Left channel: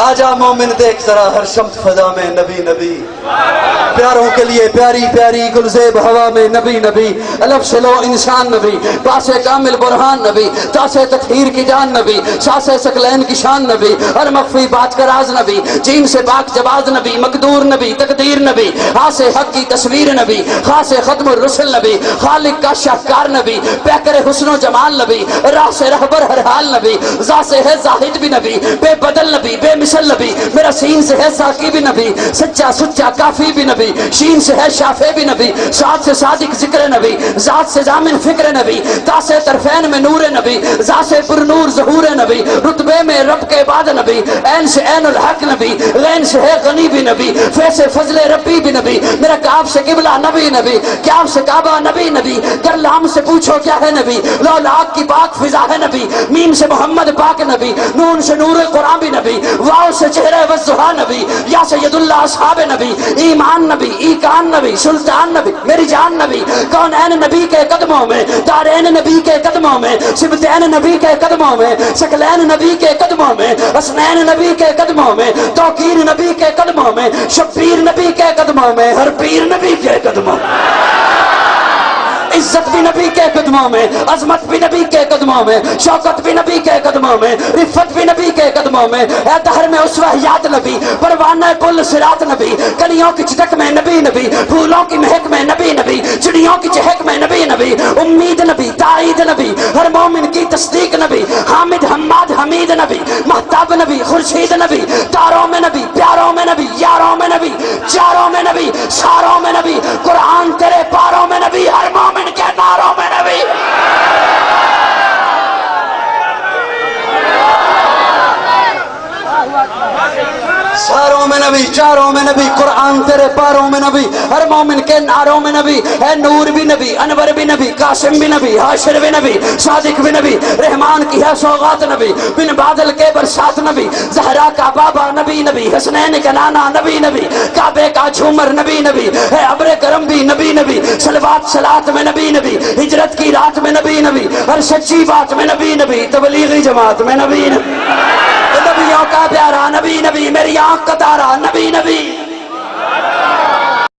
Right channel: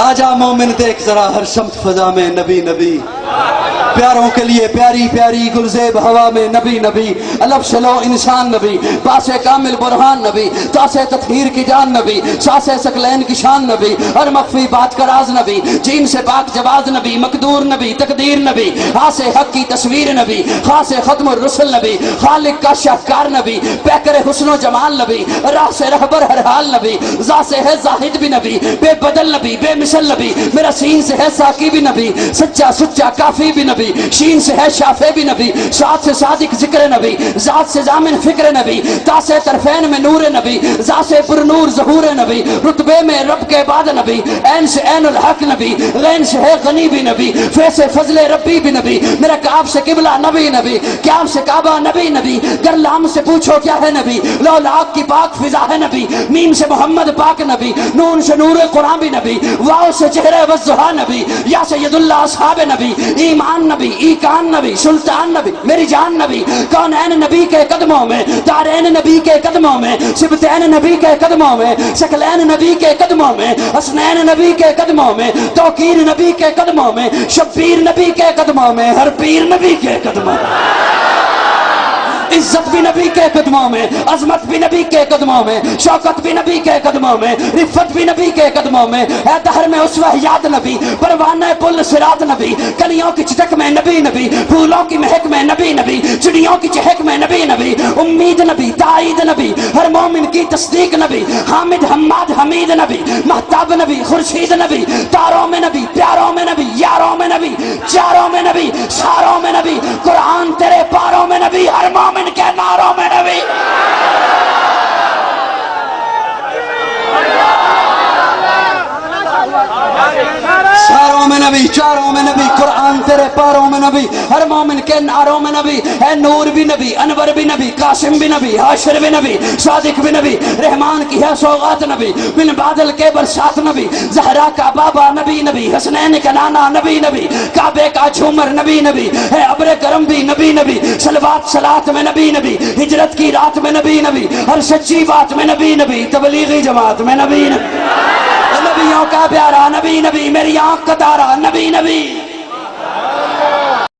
آجا مومن دیکھ ذرا ہر شمت فضا میں نبی نبی، پیاروں کے لیے پیاری پیاری گلزیب ہوا میں نبی نبی، الف شلو انسان نبی، باس کامل برہان نبی، تاس تطہیر کی جان نبی، ساس سکلین کی شان نبی، ہر مخفی بات کا راز نبی، جین سے پاک جواز نبی، مقدور نبی، تقدیر نبی، ہاس حق کی تصویر نبی، خاص ختم الرسل نبی، خالق کا شاہکار نبی، پیکر حسن و جمال نبی، راہ سے رہبر ہر حال نبی، ذا سے ہے زاہد بھی نبی، بے بدل نبی، بے مثل نبی، میرا سین سے ہے ساقی بھی نبی، سچا سچا کافی بھی نبی، شین سے ہے شافع بھی نبی، ساتھ سے صادق ذکر نبی، ذات سے ضامن فکر نبی، تا سے طرفین میں نور نبی، ذا سے پر نور ظہور نبی، رتبے میں رب کے بعد نبی، عین سے عین الحق نبی، غین سے ہے غنی بھی نبی، فے سے فضل ربی بھی نبی، میرا کعب سے قبلہ نبی نبی، کعب سے کعبہ نبی نبی، گر لام سے پوچھو کیا ہے نبی، لو لاک کی پاک فضا ہے نبی، میم سے محمد پاک نبی، نون سے نور قرآن بھی نبی، واو سے چہرہ وضحا نبی، یا سید اللہ اصحاب نبی، ایمان نبی، ایکان نبی، سلطان نبی، میری جان نبی، کونین نبی کے قدموں میں، دارین نبی کے قدموں میں، سبتین نبی کے قدموں میں، شکلین نبی کے قدموں میں، حسنین نبی کے قدموں میں، توقیر نبی کے قدموں میں، شبیر نبی کے قدموں میں، ہر پیر نبی کے قدموں میں، عزت بھی نبی کے قدموں میں، عظمت بھی نبی کے قدموں میں، شوکت بھی نبی کے قدموں میں، رفت بھی نبی کے قدموں میں، ہے دہر میں اسوہ یاد نبی، پروانہ پل صراط نبی، کلیوں کی چٹک میں نبی نبی، پھولوں کی مہک میں نبی نبی، چڑیوں کی چہک میں نبی نبی، امید نبی، تائید نبی، ہر مومن کی تصدیق نبی، حامد حماد حمید نبی، مہتاب نبی، خورشید نبی، تاروں میں نبی، پیاروں میں نبی، یاروں میں نبی، چاروں میں نبی، ساروں میں نبی، قرآن تیرے پاروں میں نبی، ہر مومن کے ناروں میں نبی، ساروں میں نبی، چاروں میں نبی، قرآن تیرے پاروں میں نبی، ہر مومن کے ناروں میں نبی، ہے نور بھی نبی، انور بھی نبی، قاسم بھی نبی، حاشر بھی نبی، صادق بھی نبی، رحمان کی ہے سوغات نبی، بن بادل کے برسات نبی، زہرا کا بابا نبی نبی، حسنین کا نانا نبی نبی، کعبے کا جھومر نبی نبی، ہے ابر کرم بھی نبی نبی، صلوات صلات میں نبی نبی، ہجرت کی رات میں نبی نبی، ہر سچی بات میں نبی نبی، تبلیغی جماعت میں نبی نبی، نبیوں کا پیارا نبی نبی، میری آنکھ کا تارا نبی نبی،